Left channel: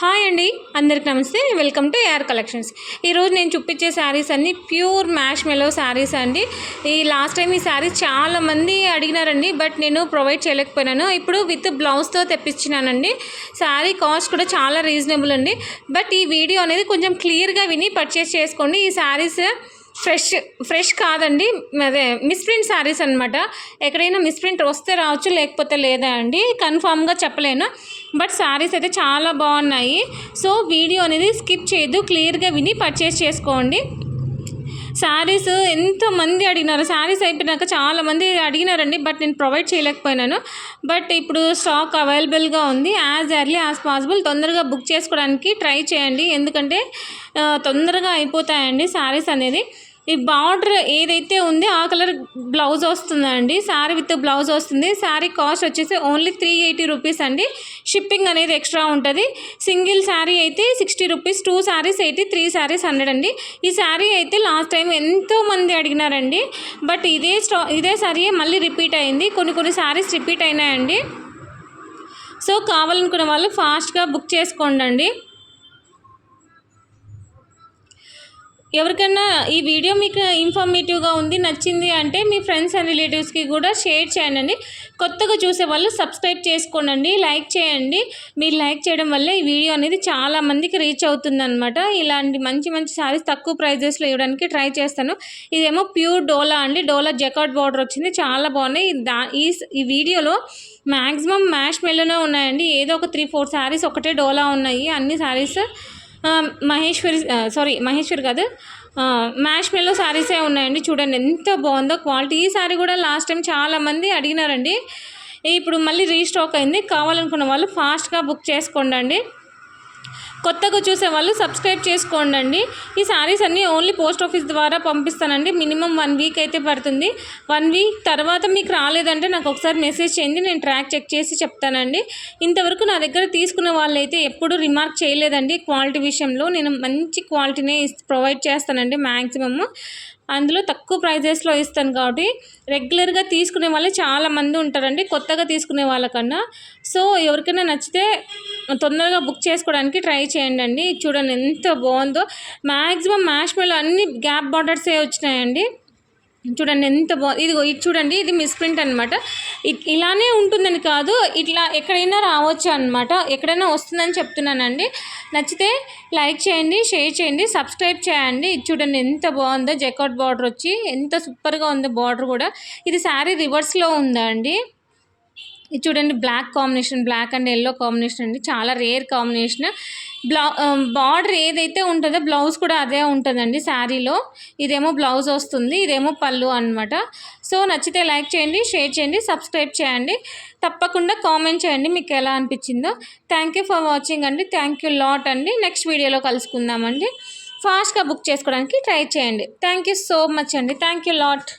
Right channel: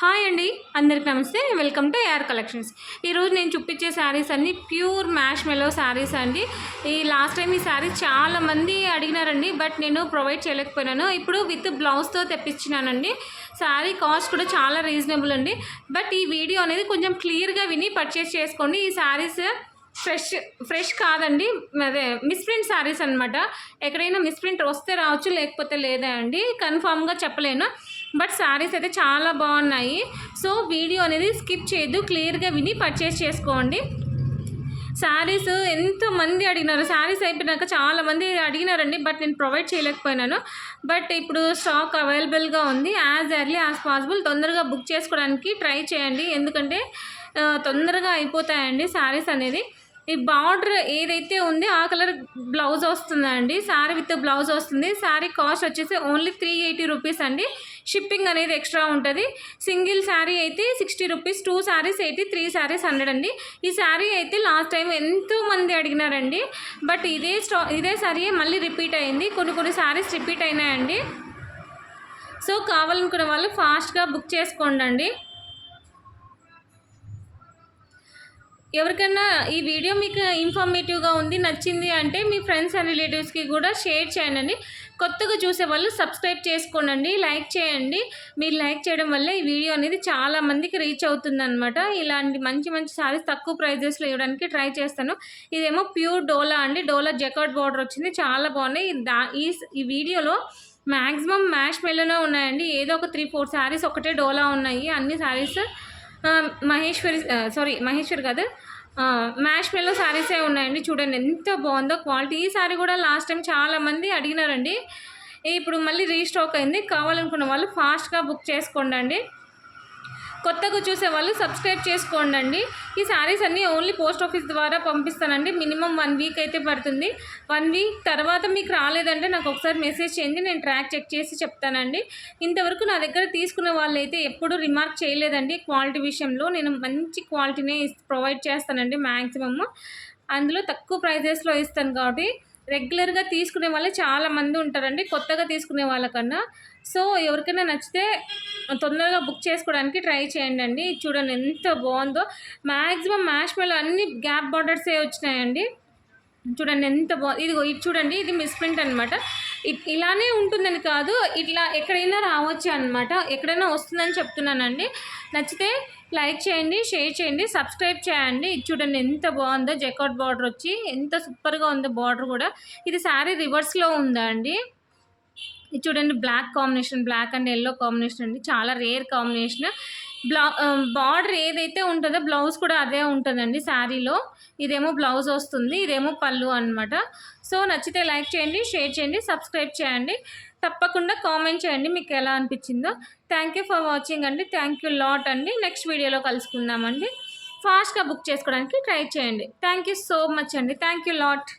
Hi అండి, అందరికి namaste. Welcome to AR collections. ఈరోజు నేను చూపించే శారీస్ అన్నీ ప్యూర్ మ్యాష్ మెలో శారీస్ అండి. లాస్ట్ టైం ఈ శారీస్ చాలామంది అడిగినారండి, బట్ నేను ప్రొవైడ్ చేయలేకపోయినాను. ఇప్పుడు విత్ బ్లౌజ్తో తెప్పించినానండి. శారీ కాస్ట్ కూడా చాలా రీజనబుల్ అండి. బట్ ఈ వీడియో అనేది కొంచెం క్లియర్గా విని పర్చేస్ చేసుకోండి. ఈ శారీస్ ఫ్రెష్ కాదండి, అదే మిస్ప్రింట్ శారీస్ అనమాట. ఎక్కడైనా మిస్ప్రింట్ వస్తే రావచ్చు, లేకపోతే లేదా అండి, కన్ఫామ్గా చెప్పలేను. బట్ శారీస్ అయితే చాలా బాగున్నాయి. సో వీడియో అనేది స్కిప్ చేయొద్దు, క్లియర్గా విని పర్చేస్ చేసుకోండి. శారీస్ ఎంతోమంది అడిగినారు, శారీస్ అయిపోయినాక చాలామంది అడిగినారండి, బట్ నేను ప్రొవైడ్ చేయలేకపోయినాను. బట్ ఇప్పుడు స్టాక్ అవైలబుల్గా ఉంది. యాజ్ ఎర్లీ యాజ్ పాసిబుల్ తొందరగా బుక్ చేసుకోవడానికి ట్రై చేయండి, ఎందుకంటే తొందరగా అయిపోతాయండి శారీస్ అనేది. ఈ బార్డర్ ఏదైతే ఉందో ఆ కలర్ బ్లౌజ్ వస్తుందండి. శారీ విత్ బ్లౌజ్ వస్తుంది. శారీ కాస్ట్ వచ్చేసి ఓన్లీ 380 రూపీస్ అండి. షిప్పింగ్ అనేది ఎక్స్ట్రా ఉంటుంది. సింగిల్ శారీ అయితే 60 రూపీస్, 2 శారీస్ 80, 3 శారీస్ 100 అండి. ఈ శారీ అయితే లాస్ట్ టైం ఎంతోమంది అడిగినారండి, బట్ ఇదే శారీ మళ్ళీ రిపీట్ అయింది. కొన్ని శారీస్ రిపీట్ అయినాయండి. సో కావాలనుకున్న వాళ్ళు ఫాస్ట్గా బుక్ చేసుకోండి. ఎవరికైనా ఈ వీడియో మీకు ఇన్ఫర్మేటివ్గా ఉంది, నచ్చింది అంటే మీ ఫ్రెండ్స్ అండ్ రిలేటివ్స్కి కూడా షేర్ చేయండి. కొత్తగా చూసే వాళ్ళు సబ్స్క్రైబ్ చేసుకోండి, లైక్ చేయండి. మీరు లైక్ చేయడం వల్ల ఈ వీడియో అనేది చాలామందికి రీచ్ అవుతుందన్నమాట. ఇలాంటి మంచి శారీస్ తక్కువ ప్రైజెస్లో ఇవ్వడానికి ట్రై చేస్తాను. ఇదేమో ప్యూర్ డోలా అండి. డోలా జకార్డ్ బార్డర్ వచ్చింది, చాలా బాగున్నాయి. ఈ వీడియోలో మ్యాక్సిమం మ్యాష్ మెల్లోనే ఉన్నాయండి. ఏదో ఒక 3-4 శారీస్ ఒకటే డోలా ఉన్నాయి. అన్ని శారీస్ మహేశ్వరి కాదు, మ్యాష్ మెల్లో శారీసే ఉన్నాయండి. చూడండి ఎంత బాగుందో క్వాలిటీ. ఈ శారీ కూడా లాస్ట్ టైం చాలామంది అడిగినారండి, ఇప్పుడు మళ్ళీ రీస్టాక్ అయింది. కావాలనుకున్న వాళ్ళు ఫాస్ట్గా బుక్ చేసుకోండి. కొత్తగా చూసే వాళ్ళు సబ్స్క్రైబ్ చేసుకోండి. ఈ శారీస్ అన్నీ ఓన్లీ పోస్ట్ ఆఫీస్ ద్వారా పంపిస్తానండి. మినిమం 1 వీక్ అయితే పడుతుంది. 1 వీక్ తర్వాత మీకు రాలేదంటే నాకు ఒకసారి మెసేజ్ చేయండి, నేను ట్రాక్ చెక్ చేసి చెప్తానండి. ఇంతవరకు నా దగ్గర తీసుకున్న వాళ్ళైతే ఎప్పుడూ రిమార్క్ చేయలేదండి క్వాలిటీ విషయంలో. నేను మంచి క్వాలిటీనే ప్రొవైడ్ చేస్తానండి మ్యాక్సిమమ్. అందులో తక్కువ ప్రైజెస్లో ఇస్తాను కాబట్టి రెగ్యులర్గా తీసుకునే వాళ్ళే చాలామంది ఉంటారండి, కొత్తగా తీసుకునే వాళ్ళకన్నా. సో ఎవరికైనా నచ్చితే తొందరగా బుక్ చేసుకోవడానికి ట్రై చేయండి. చూడండి ఎంత బాగుందో. మ్యాక్సిమం మ్యాష్ మెల్లో అన్ని గ్యాప్ బార్డర్సే వచ్చినాయండి. చూడండి ఎంత బాగుంది. ఇది చూడండి, ఇది మిస్ప్రింట్ అనమాట. ఇలానే ఉంటుందని కాదు, ఇట్లా ఎక్కడైనా రావచ్చు అనమాట. ఎక్కడైనా వస్తుందని చెప్తున్నానండి. నచ్చితే లైక్ చేయండి, షేర్ చేయండి, సబ్స్క్రైబ్ చేయండి. చూడండి ఎంత బాగుందో. జకార్డ్ బార్డర్ వచ్చి ఎంత సూపర్గా ఉందో బార్డర్ కూడా. ఇది శారీ రివర్స్లో ఉందా అండి. ఇది చూడండి, black combination, black and yellow combination అండి, చాలా రేర్ కాంబినేషన్. బార్డర్ ఏదైతే ఉంటుందో బ్లౌజ్ కూడా అదే ఉంటుందండి శారీలో. ఇదేమో బ్లౌజ్ వస్తుంది, ఇదేమో పళ్ళు అనమాట. సో నచ్చితే లైక్ చేయండి, షేర్ చేయండి, సబ్స్క్రైబ్ చేయండి. తప్పకుండా కామెంట్ చేయండి మీకు ఎలా అనిపించిందో. థ్యాంక్ యూ ఫర్ వాచింగ్ అండి. థ్యాంక్ యూ లాట్ అండి. నెక్స్ట్ వీడియోలో కలుసుకుందామండి. ఫాస్ట్గా బుక్ చేసుకోవడానికి ట్రై చేయండి. థ్యాంక్ యూ సో మచ్ అండి. Thank you lot.